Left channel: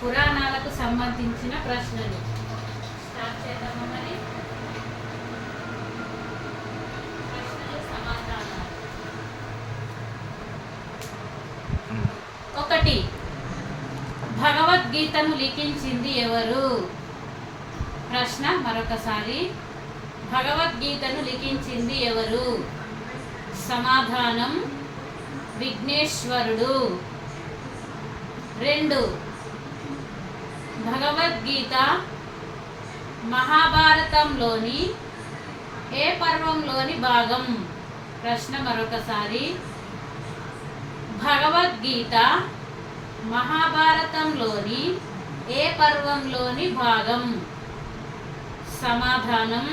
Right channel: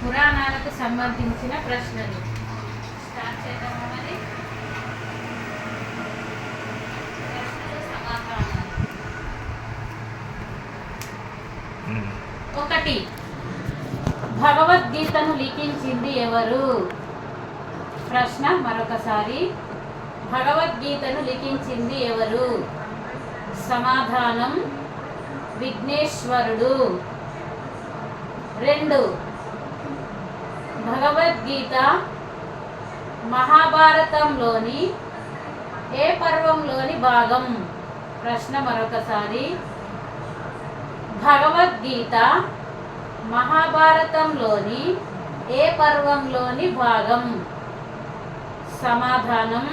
పురాణాలకు సంబంధించిన ప్రశ్నలు స్టార్ట్ చేద్దామా మరి? ప్రశ్నలు సమాధానాలు. 1. భగవద్గీతను లిఖించింది ఎవరు? ప్రశ్న మరొకసారి. భగవద్గీతను లిఖించింది ఎవరు? సమాధానం విఘ్నేశ్వరుడు. 2. భగవద్గీత మహాభారతంలోని ఏ పర్వంలోని భాగం? ప్రశ్న మరొకసారి. భగవద్గీత మహాభారతంలోని ఏ పర్వంలోని భాగం? సమాధానం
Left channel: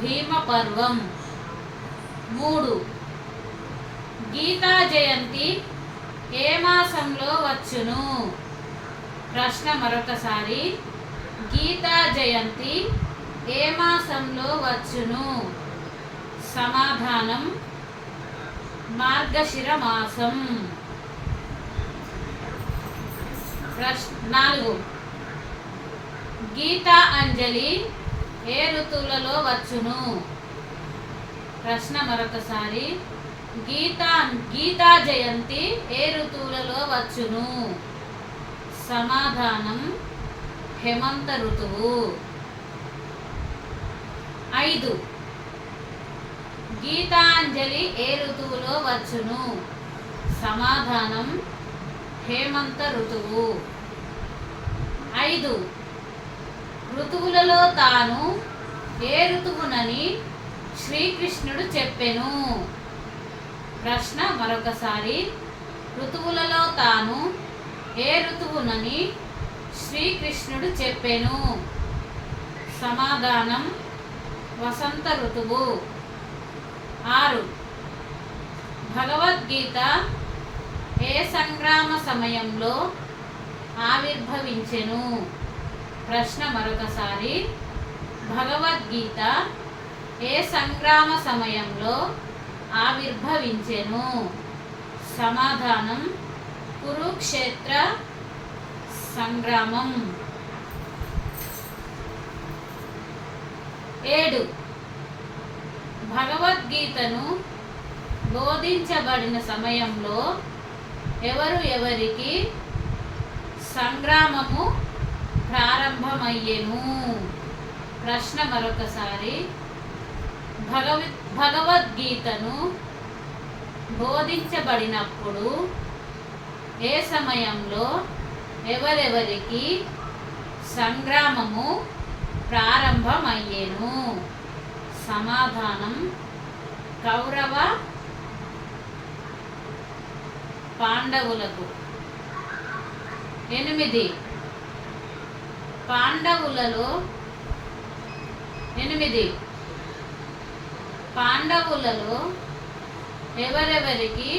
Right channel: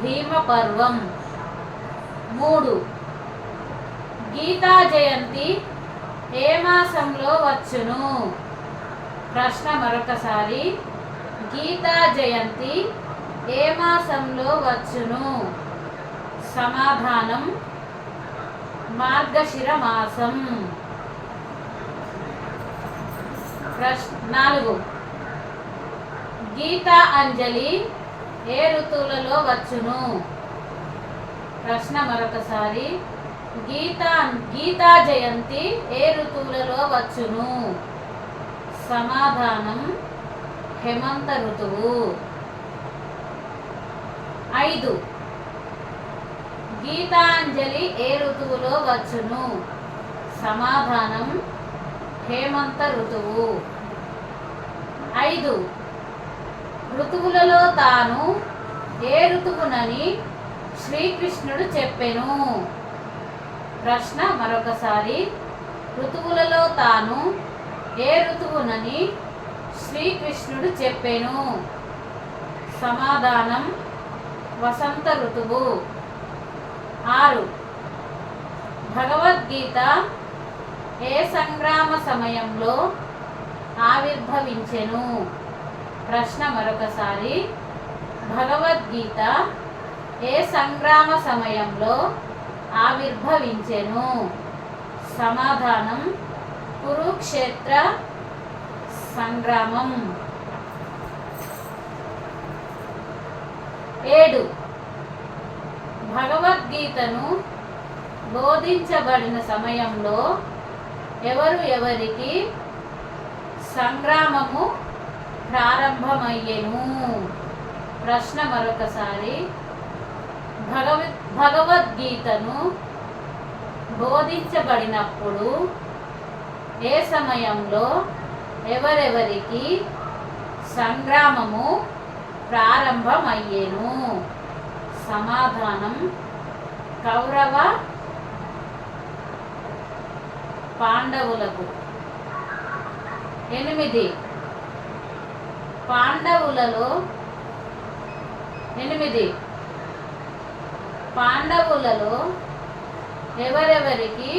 భీమ పర్వం. 3. గీతా జయంతి ఏ మాసంలో వచ్చును? ప్రశ్న మరొకసారి. గీతా జయంతి ఏ మాసంలో వచ్చును? సమాధానం మార్గశిర మాసం. 4. గీతా అంజలి ఏ ఋతువులలో వచ్చును? ప్రశ్న మరొకసారి. గీతా జయంతి ఏ ఋతువులలో వచ్చును? సమాధానం హేమంత ఋతువు. 5. గీతాంజలి ఏ ఋతువులో వచ్చును? సమాధానం హేమంత ఋతువు. 5. ఋతువులలో తాను ఏ ఋతువునని శ్రీకృష్ణుడు చెప్పెను? ప్రశ్న మరొకసారి. ఋతువులలో తాను ఏ ఋతువునని శ్రీకృష్ణుడు చెప్పెను? సమాధానం వసంత ఋతువు. 6. భగవద్గీత ఏ సంగ్రామ సమయంలో ఆవిర్భవించెను? ప్రశ్న మరొకసారి. భగవద్గీత ఏ సంగ్రామ సమయంలో ఆవిర్భవించెను? సమాధానం కురుక్షేత్ర సంగ్రామం. 7. భగవద్గీతను బోధించబడిన సమయంలో ఎవరికి సంగ్రామము ప్రారంభమయ్యెను? ప్రశ్న మరొకసారి. భగవద్గీతను బోధించబడినప్పుడు ఏ సమయంలో ఎవరికి సంగ్రామము ప్రారంభమయ్యెను? సమాధానం కౌరవ పాండవులకు. 8. పాండవులలో ఎవరికి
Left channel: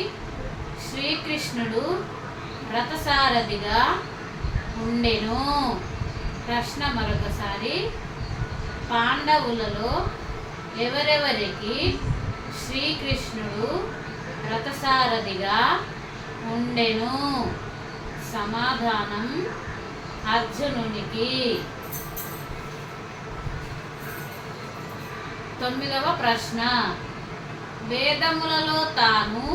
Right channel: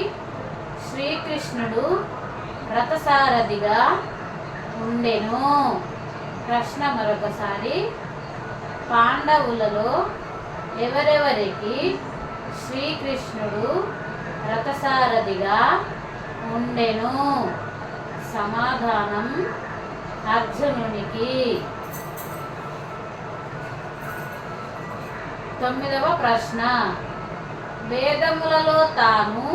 శ్రీకృష్ణుడు రథసారథిగా ఉండెను? ప్రశ్న మరొకసారి. పాండవులలో ఎవరికి శ్రీకృష్ణుడు రథసారథిగా ఉండెను? సమాధానం అర్జునునికి. 9వ ప్రశ్న. వేదములలో తాను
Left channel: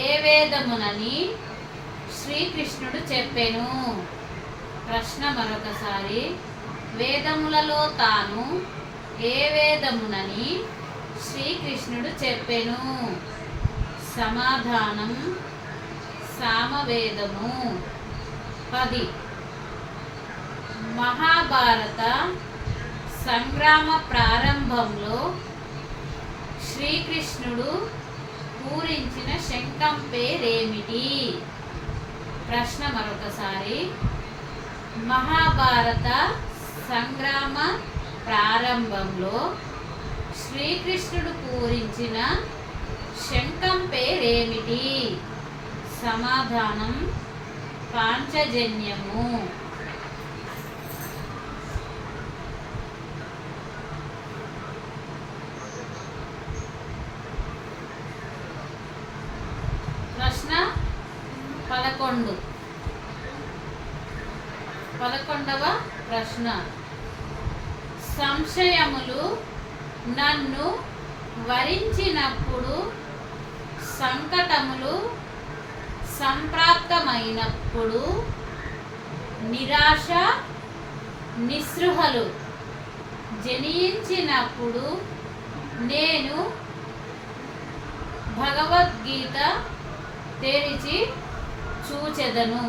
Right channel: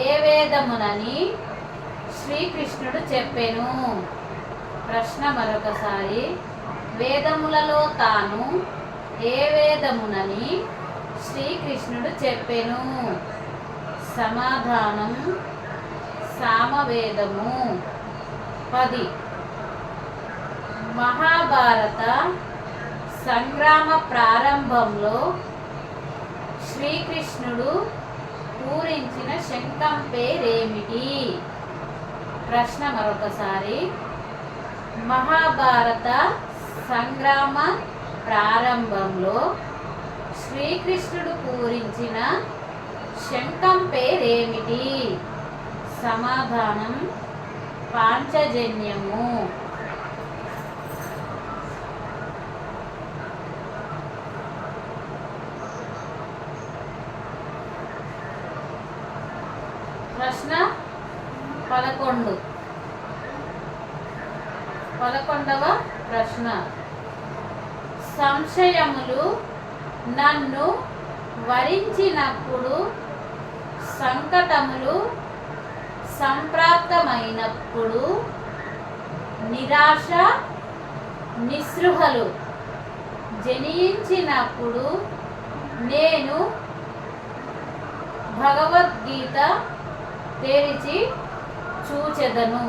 ఏ వేదమునని శ్రీకృష్ణుడు చెప్పెను? ప్రశ్న మరొకసారి. వేదములలో తాను ఏ వేదమునని శ్రీకృష్ణుడు చెప్పెను? సమాధానం సామవేదము. 10. మహాభారత సంగ్రామ ప్రారంభంలో శ్రీకృష్ణుడు పూరించిన శంఖం పేరేమిటి? ప్రశ్న మరొకసారి. మహాభారత సంగ్రామ ప్రారంభంలో శ్రీకృష్ణుడు పూరించిన శంఖం పేరేమిటి? సమాధానం పాంచజన్యము. 11. 11వ ప్రశ్న. సంశయములు నన్ను వరించినప్పుడు, సంకటములు సంప్రాప్తమైనప్పుడు, నిరాశ నిస్పృహలు జనించినప్పుడు నేను భగవద్గీత తెరిచి చూచెదను.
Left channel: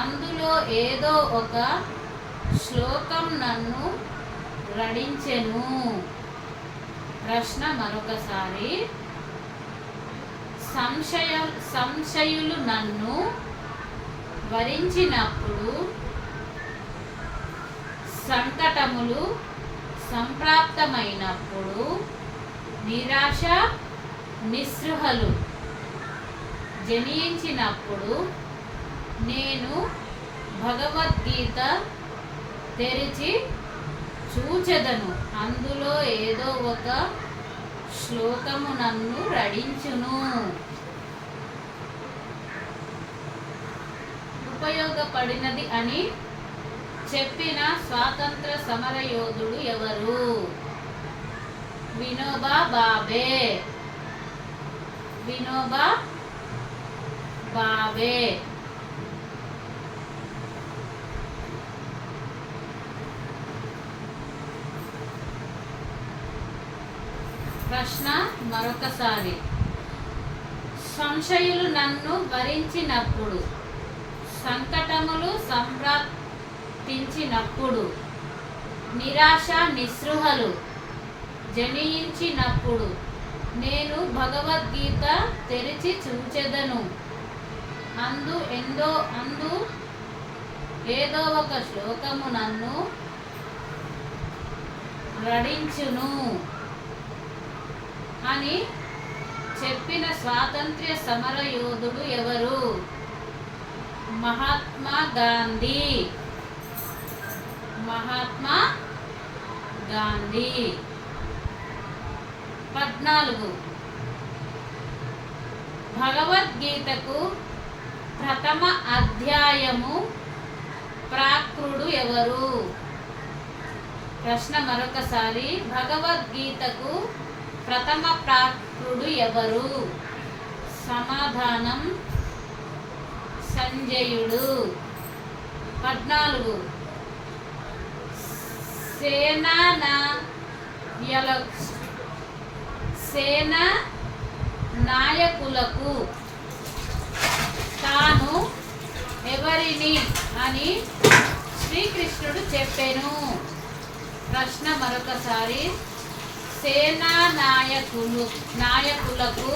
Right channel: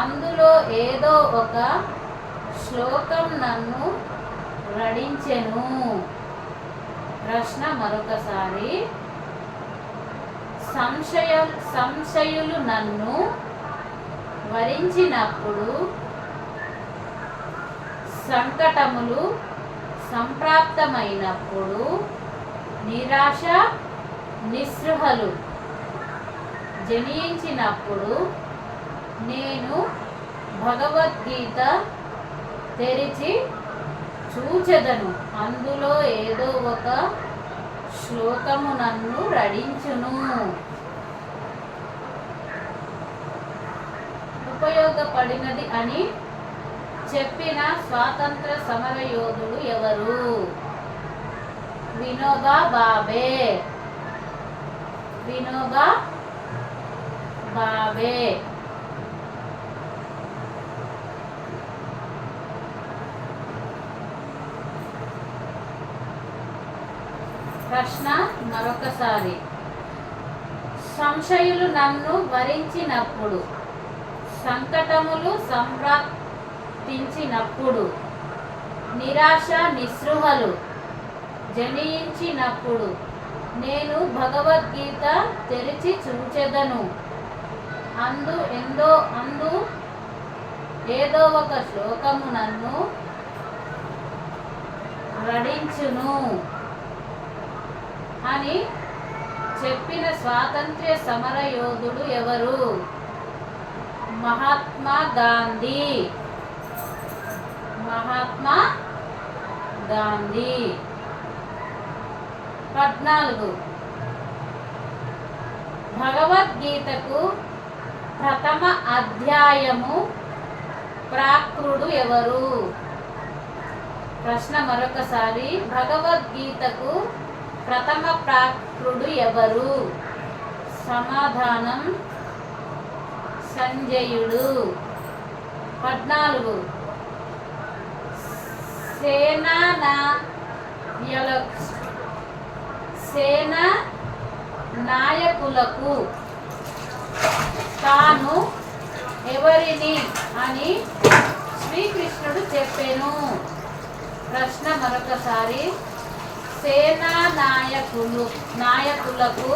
అందులో ఏదో ఒక శ్లోకం నన్ను రడించెను. ప్రశ్న మరొకసారి. సంశయులు నన్ను వరించినప్పుడు, సంకటములు సంప్రాప్తమైనప్పుడు, నిరాశ నిస్పృహలు జనించినప్పుడు నేను భగవద్గీత తెరిచి చూచెదను. అందులో ఏదో ఒక శ్లోకము నన్ను రడించును. ఉపయోగపడినది అని చెప్పిన స్వాతంత్ర సమర యోధుడు ఎవరు? వినోబా భావే. వినోబా భావే. ప్రశ్న మరొకసారి. సంశయులు నన్ను వరించినప్పుడు, సంకటములు సంప్రాప్తించినప్పుడు, నిరాశ నిస్పృహలు జనించినప్పుడు నేను భగవద్గీత తెరిచి చూచెదను. అందు ఏదో ఒక శ్లోకము నన్ను రడించును అని చెప్పిన స్వాతంత్ర్య సమర యోధుడు ఎవరు? మహాత్మా గాంధీ. మహాత్మా గాంధీ. 14. భగవద్గీతకు ప్రథమ అధ్యాయము ప్రాకృడు ఎవరు? ప్రశ్న మరొకసారి. భగవద్గీతకు ప్రథమ ప్రాకృడు ఎవరు? సమాధానం సంజయుడు. 14. సేనా నాయకులకు తాను ఎవరిని అని శ్రీకృష్ణుడు చెప్పెను. ప్రశ్న మరొకసారి. సేనా నాయకులకు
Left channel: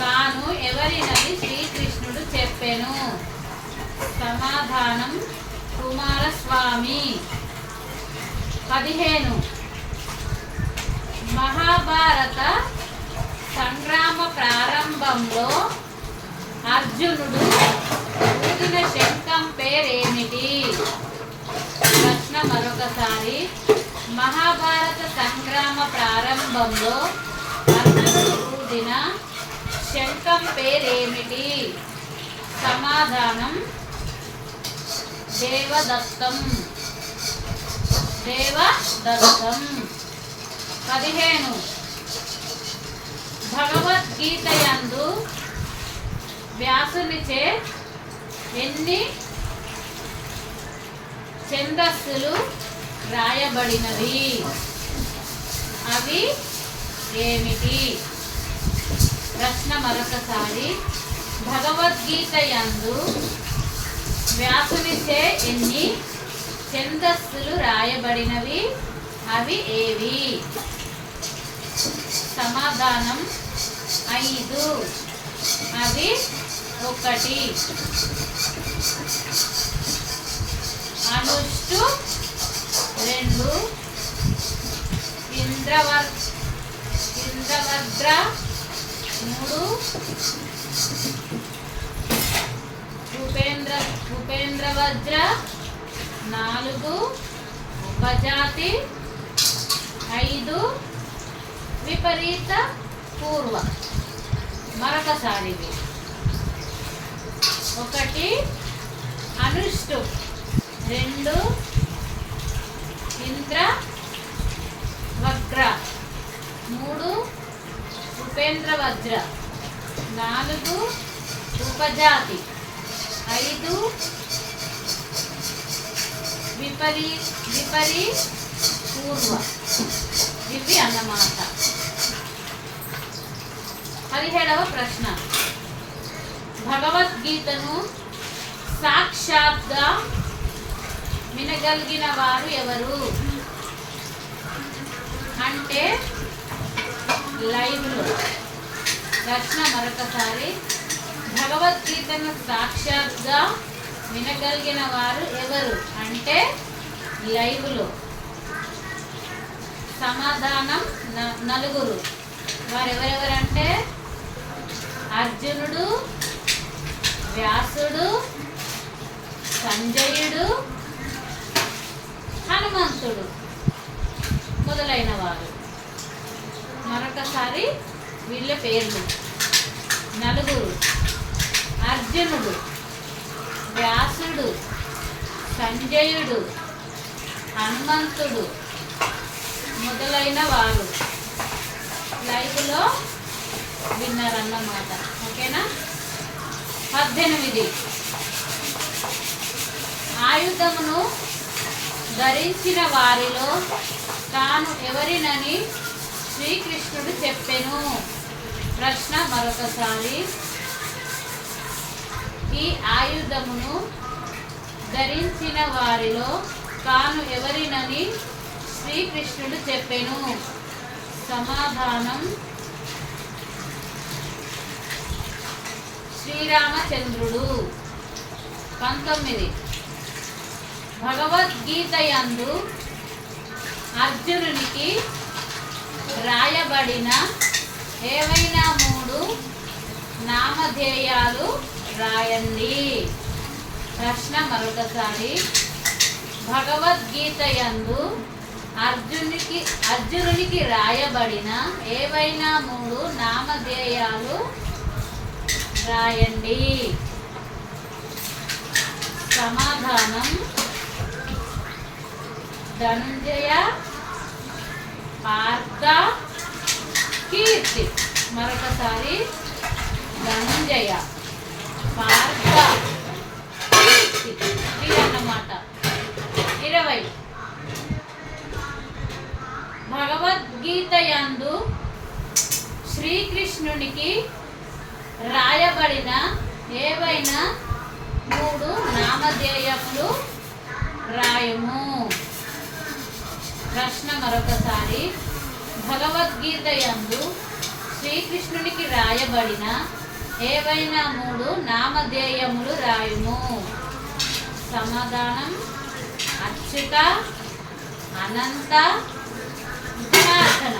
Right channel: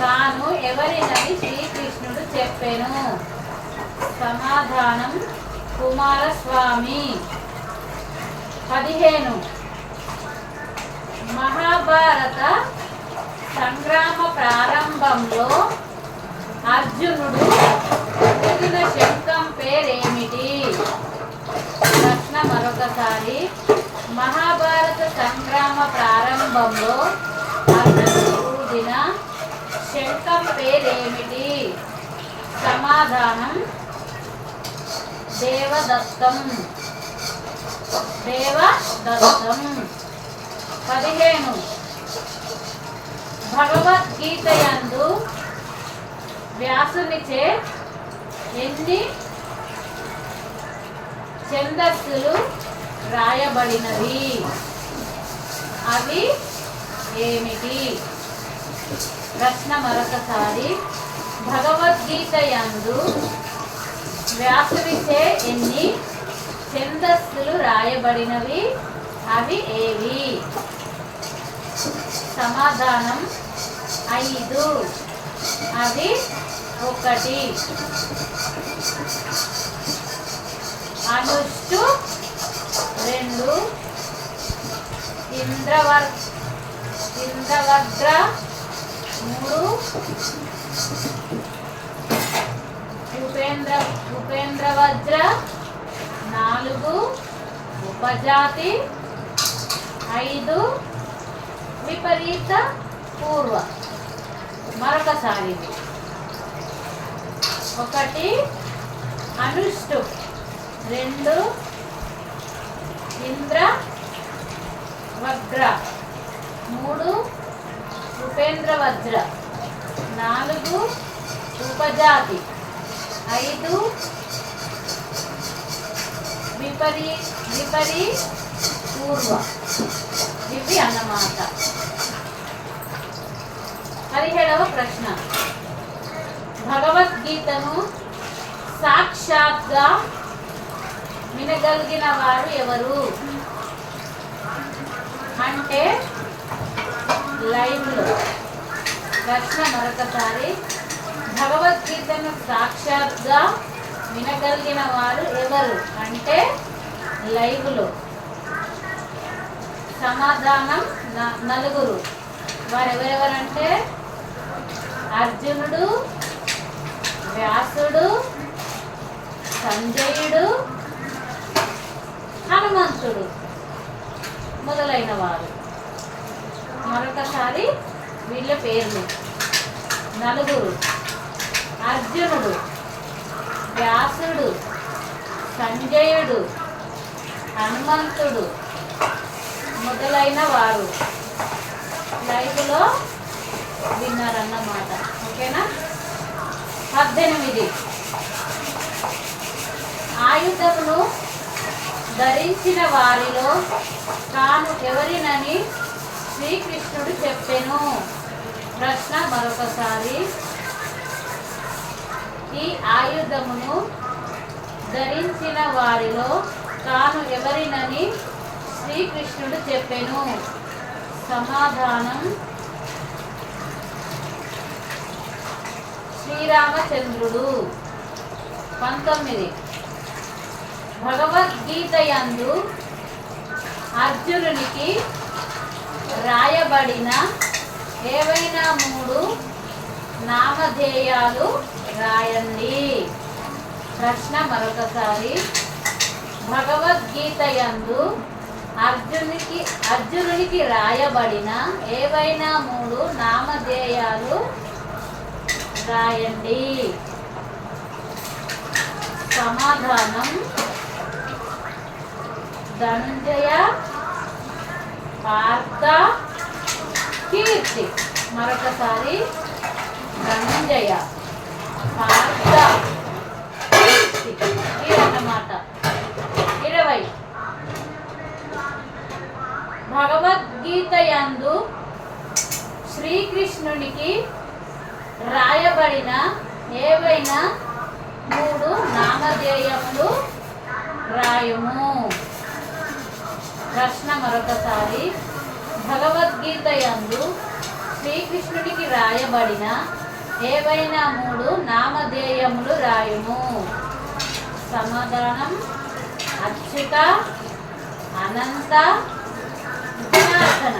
తాను ఎవరినని శ్రీకృష్ణుడు చెప్పెను. సమాధానం కుమారస్వామి. 15. మహాభారత సంగ్రామ ప్రారంభంలో అర్జునుడు ఊదిన శంఖం పేరేమిటి? ప్రశ్న మరొకసారి. మహాభారత సంగ్రామ ప్రారంభంలో అర్జునుడు ఊదిన శంఖం పేరేమిటి? సమాధానం దేవదత్తం. దేవదత్తం. 15. భగవద్గీత యందు వ్యాసునిచే ఎన్ని ఛందస్సులు రాయబడినవి? అవి ఏమిటి? ప్రశ్న మరొకసారి. భగవద్గీత యందు వ్యాసునిచే ఎన్ని ఛందస్సులు రాయబడినవి? అవి ఏవి? సమాధానం 5. అవి 1 అనుష్టు, 2 ఇంద్రవజ్ర, 3 ఉపేంద్రవజ్ర, 4 ఉపజాతి, 5 విపరీత పూర్వ. మరొకసారి. 1 అనుష్టు, 2 ఇంద్ర వజ్ర, 3 ఉపేంద్ర వజ్ర, 4 ఉపజాతి, 5 విపరీ పూర్వ. ఇవి అన్నమాట. 17వ ప్రశ్న. భగవద్గీతను సాక్షాత్గా వినగలిగిన వారు ఎవరు? అంటే లైవ్లో. ప్రశ్న మరొకసారి. భగవద్గీతను సాక్షాత్గా వినగలిగిన వారు ఎవరు? అంటే లైవ్లో. సమాధానం 4. వారెవరెవరంటే అర్జునుడు, వ్యాసుడు, సంజయుడు, హనుమంతుడు మొదలైన వారు. మరొకసారి వీళ్ళ పేర్లు. 4: అర్జునుడు, వ్యాసుడు, సంజయుడు, హనుమంతుడు మొదలైన వారు లైవ్లో విన్నారన్నమాట. ఓకేనా? 18. ఆయుధమును ధరించిన వారిలో తాను ఎవరినని శ్రీకృష్ణుడు చెప్పెను. ప్రశ్న మరొకసారి. ఈ ఆయుధమును ధరించిన వారిలో తాను ఎవరినని శ్రీకృష్ణుడు చెప్పెను. సమాధానం శ్రీరామచంద్రుడు. 19. భగవద్గీతయందు అర్జునునికి రాయబడిన ఏవైనా 3 నామధేయాలు రాయండి. ప్రశ్న మరొకసారి. భగవద్గీతయందు అర్జునునికి రాయబడిన ఏవైనా 3 నామధేయాలు రాయండి. సమాధానం ధనంజయ, పార్థ, కీర్తి. మరొకసారి. ధనంజయ, పార్థ, కీర్తి అన్నమాట. 20. భగవద్గీతయందు శ్రీకృష్ణునికి రాయబడిన ఏవైనా 3 నామధేయములు రాయుము. ప్రశ్న మరొకసారి. భగవద్గీతయందు శ్రీకృష్ణునికి రాయబడిన ఏవైనా 3 నామధేయములు రాయుము. సమాధానం అచ్యుత, అనంత, జనార్దన.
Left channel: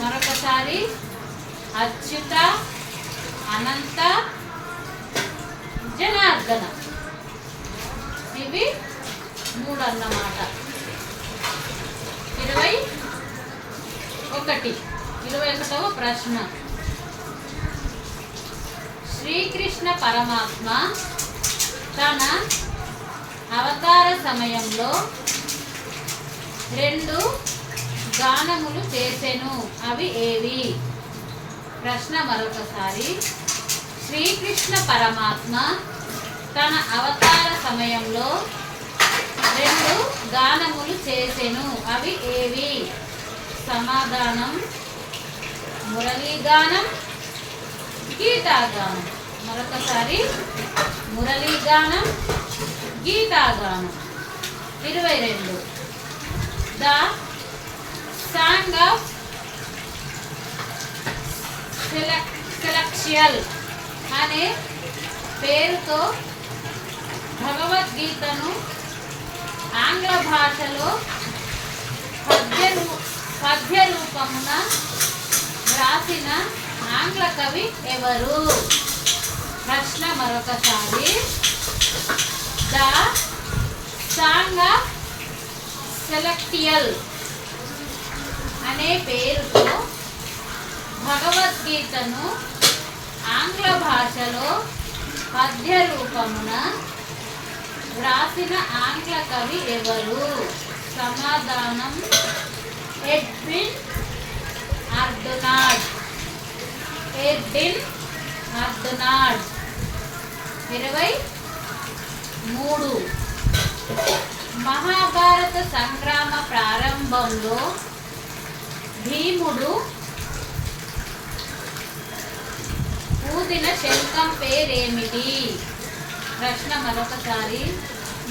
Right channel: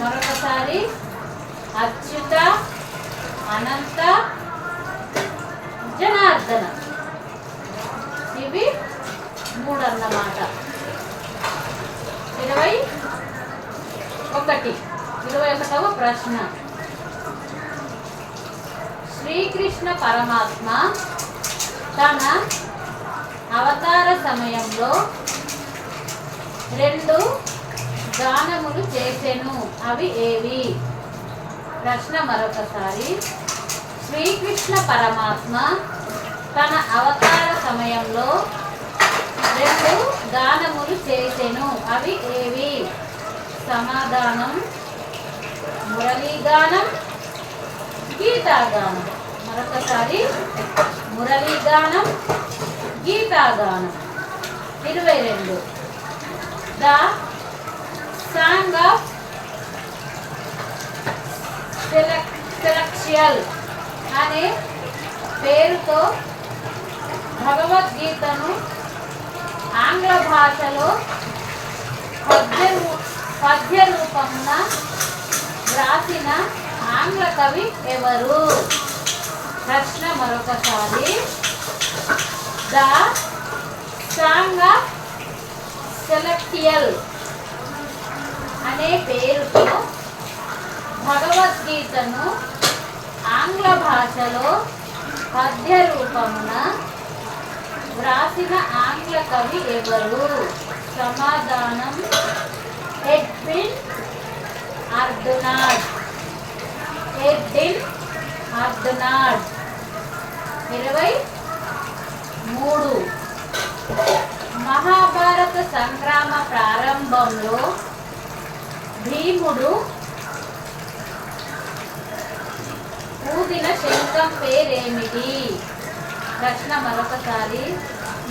మరొకసారి. అచ్యుత, అనంత, జనార్దన. ఇవి 3 అన్నమాట. 21వ ప్రశ్న. శ్రీకృష్ణ పరమాత్మ తన అవతార సమయంలో 2 గానములు చేసెను. అవి ఏవి? ప్రశ్న మరొకసారి. శ్రీకృష్ణ పరమాత్మ తన అవతార సమయంలో 2 గానములు చేసెను. అవి ఏవి? సమాధానం మురళీగానం, గీతాగానం. మరొకసారి. మురళీగానం, గీతాగానం. 22. ద సాంగ్ ఆఫ్ సెలెక్షియల్ అనే పేరుతో భగవద్గీతను ఆంగ్ల భాషలో పద్య రూపమున రాసిన ఆంగ్ల కవి ఎవరు? ప్రశ్న మరొకసారి. ద సాంగ్ ఆఫ్ సెలెక్టియల్ అనే పేరుతో భగవద్గీతను ఆంగ్ల భాషలో పద్య రూపమున వ్రాసిన ఆంగ్ల కవి ఎవరు? సమాధానం ఎడ్విన్ అర్దునాడ్. ఎడ్విన్ అర్దునాడ్. 23. మహాభారత సంగ్రామ ప్రారంభంలో భీముడు ఊదిన శంఖం పేరేమిటి? ప్రశ్న మరొకసారి.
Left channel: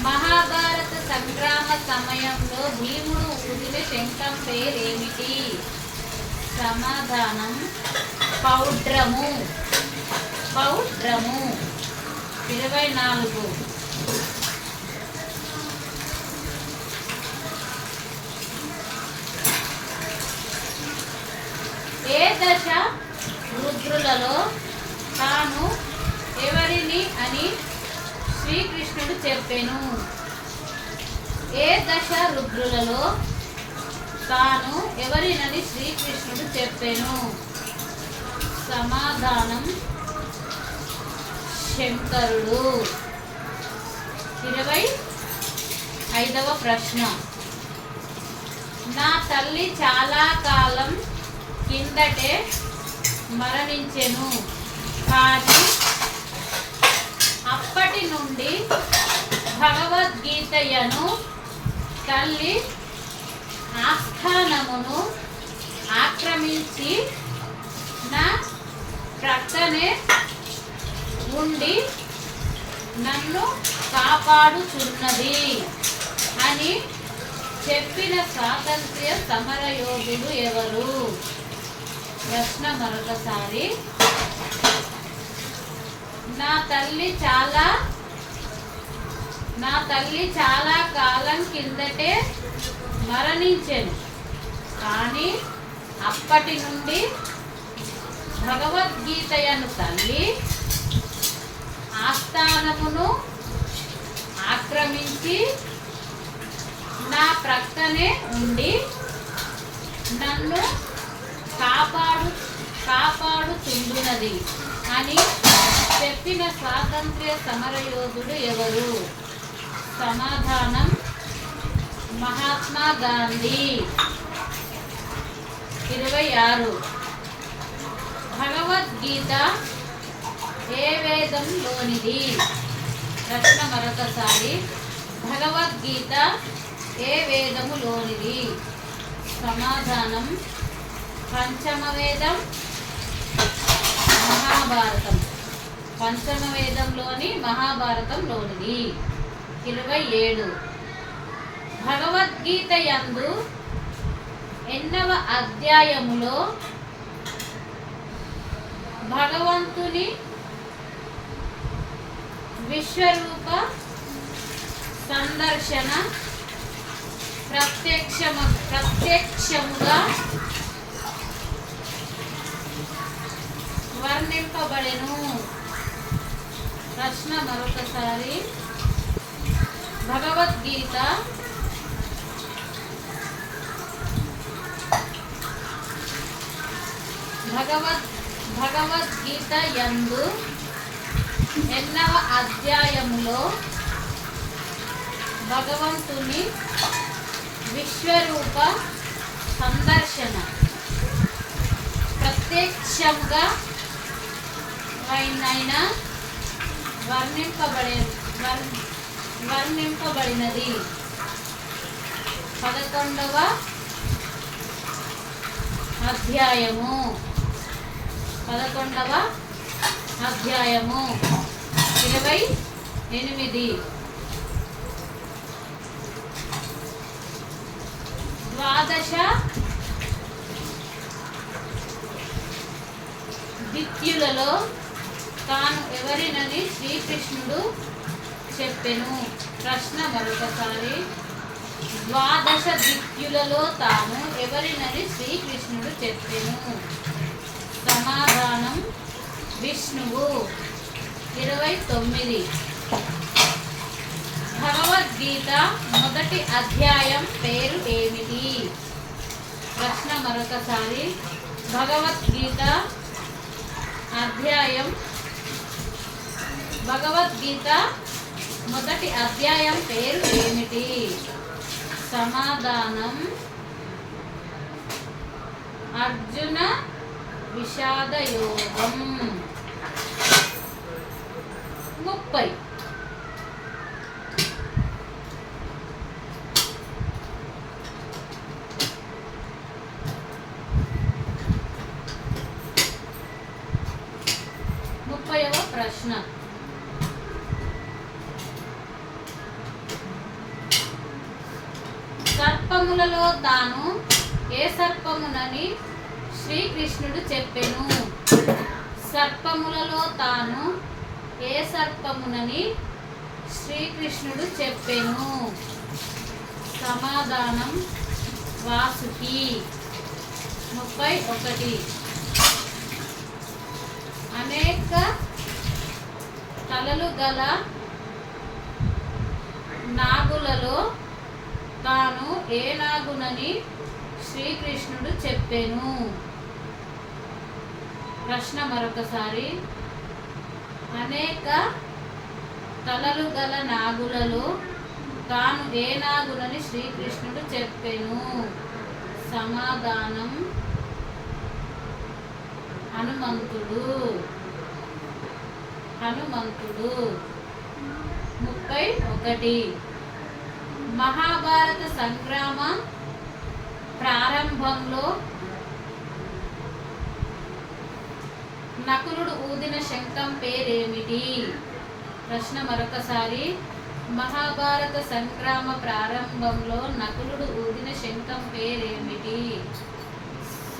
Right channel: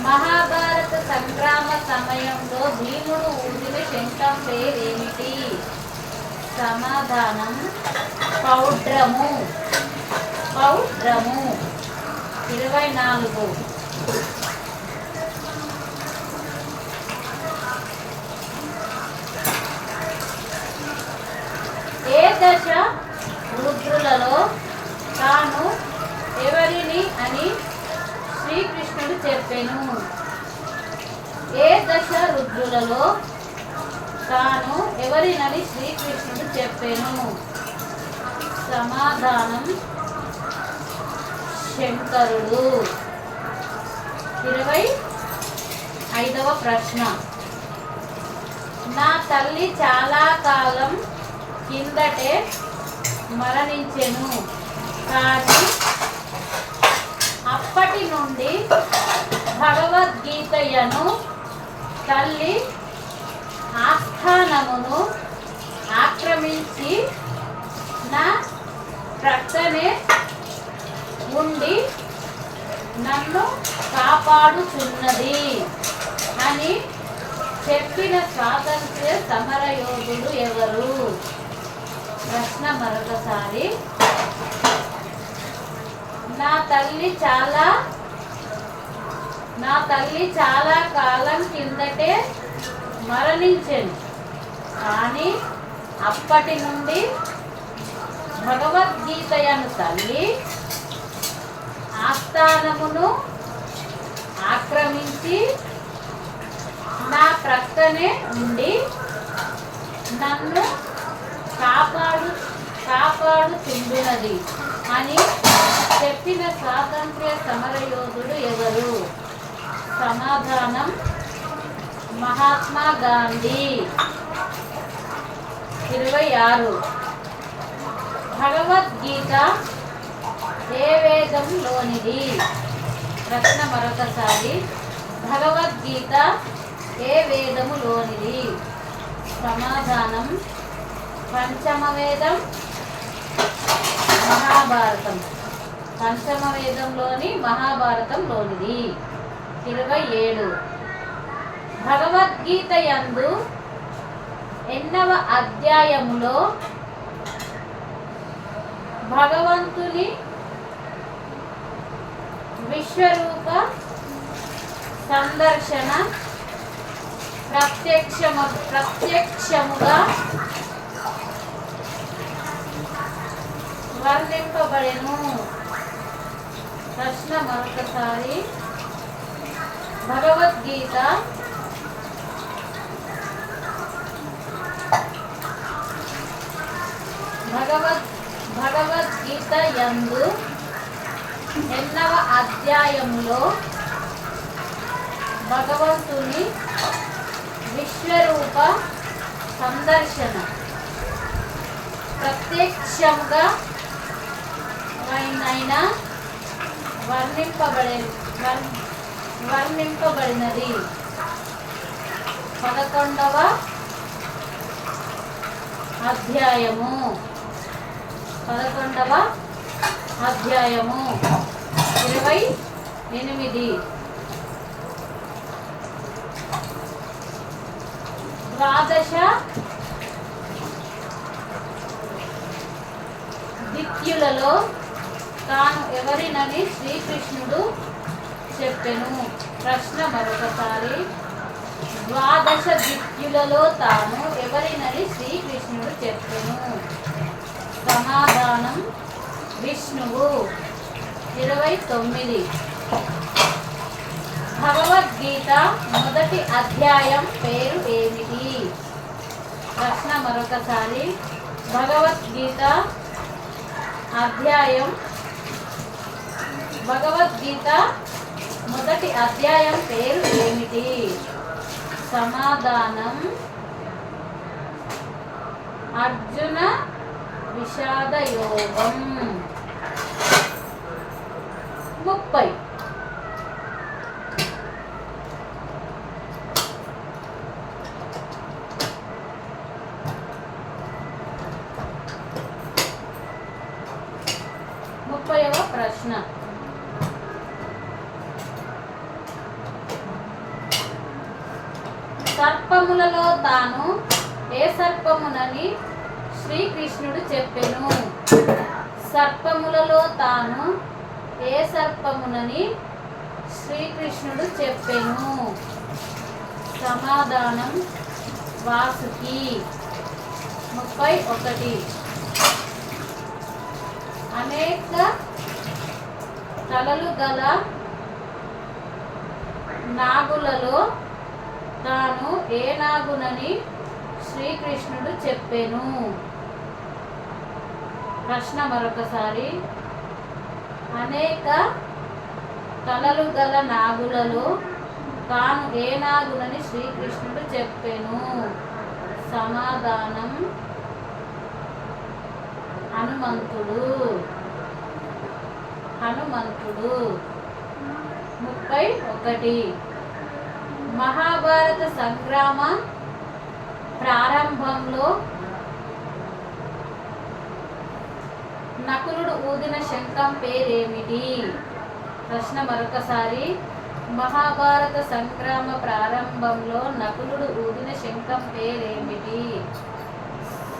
మహాభారత సంగ్రామ సమయంలో భీముడు ఊదిన శంఖం పేరేమిటి? సమాధానం పౌడ్రము. పౌడ్రము. 24. ఏ దశ రుద్రులలో తాను ఎవరిని అని శ్రీకృష్ణుడు చెప్పెను? ఏ దశ రుద్రులలో తాను ఎవరినని శ్రీకృష్ణుడు చెప్పెను? సమాధానం శంకరుడు. 25వ ప్రశ్న. నా తల్లి చాలా కాలం కిందటే మరణించెను, కానీ అప్పటి నుండి భగవద్గీతయను తల్లి ఆస్థానమును ఆక్రమించి నా ప్రక్కనే ఉండి నన్ను కాపాడుచున్నది అని చెప్పిన స్వాతంత్ర్య సమరయోధుడు ఎవరు? ప్రశ్న మరొకసారి. నా తల్లి చాలా కాలం కిందటే మరణించెను, కానీ అప్పటి నుండి భగవద్గీతయను తల్లి ఆస్థానమును ఆక్రమించి నా ప్రక్కనే ఉండి నన్ను కాపాడుచుండునది అని చెప్పిన స్వాతంత్ర్య సమరయోధుడు ఎవరు? సమాధానం మహాత్మా గాంధీ. 26. భగవద్గీత ఏ వేదంలోనిది? ప్రశ్న మరొకసారి. భగవద్గీత ఏ వేదములోనిది? సమాధానం పంచమ వేదం, మహాభారతం. పంచమ వేదంలోని మహాభారతంలోనిది. 27. భగవద్గీత యందు ఎన్నవ అధ్యాయములో భగవంతుని విశ్వరూప సందర్శన ప్రత్యక్షముగా వర్ణింపబడెను? ప్రశ్న మరొకసారి. భగవద్గీత భగవద్గీత యందు ఎన్నవ అధ్యాయములో భగవంతుని విశ్వరూప సందర్శన ప్రత్యక్షంగా వర్ణింపబడినది? 11వ అధ్యాయము. 28. ద్వాదశ దిత్యులలో తాను ఎవరినని శ్రీకృష్ణుడు చెప్పెను? ప్రశ్న మరొకసారి. ద్వాదశ దిత్యులలో తాను ఎవరినని శ్రీకృష్ణుడు చెప్పెను? సమాధానం విష్ణువు. 29. భగవద్గీత మొదటి అధ్యాయం పేరు ఏమిటి? ప్రశ్న మరొకసారి. భగవద్గీత మొదటి మొదటి అధ్యాయం పేరు ఏమిటి? సమాధానం అర్జున విషాద యోగం. 30. ప్రశ్న. సర్పములలో తాను ఏ సర్పమునని శ్రీకృష్ణుడు చెప్పెను? సర్పములలో తాను ఏ సర్పమునని శ్రీకృష్ణుడు చెప్పెను? సమాధానం వాసుకి. 31. అనేక తలలు గల నాగులలో తాను ఏ నాగునని శ్రీకృష్ణుడు చెప్పెను? ప్రశ్న మరొకసారి. అనేక తలలు గల నాగులలో తాను ఏ నాగునని శ్రీకృష్ణుడు చెప్పెను? సమాధానం హనుమంతుడు. 31. మహాభారత సంగ్రామ ప్రారంభంలో నకులుడు ఊదిన శంఖం పేరేమిటి? ప్రశ్న మరొకసారి. మహాభారత సంగ్రామ ప్రారంభంలో నకులుడు ఊదిన శంఖం పేరేమిటి?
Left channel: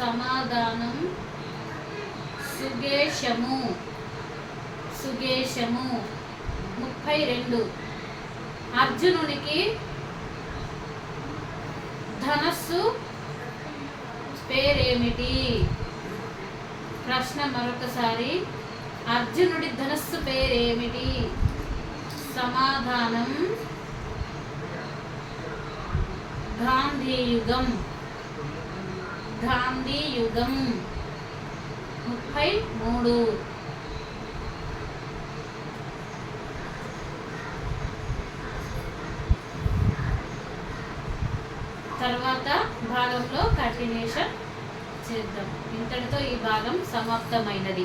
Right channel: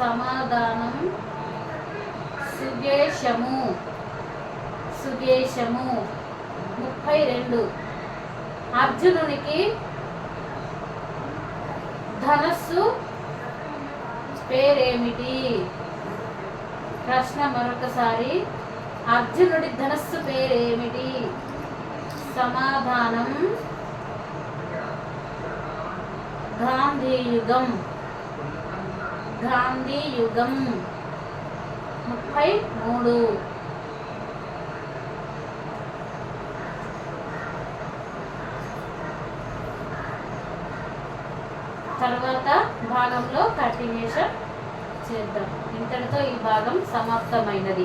సమాధానం సుగేషము. 32. అర్జునునికి ధనస్సు పేరేమిటి? ప్రశ్న మరొకసారి. అర్జునుడి ధనస్సు పేరేమిటి? సమాధానం గాంధీయుగం. 33. తర్వాత భాగంలో కంటిన్యూషన్ చేద్దాం. ఇంతటితో ఈ భాగం సమాప్తమైనది.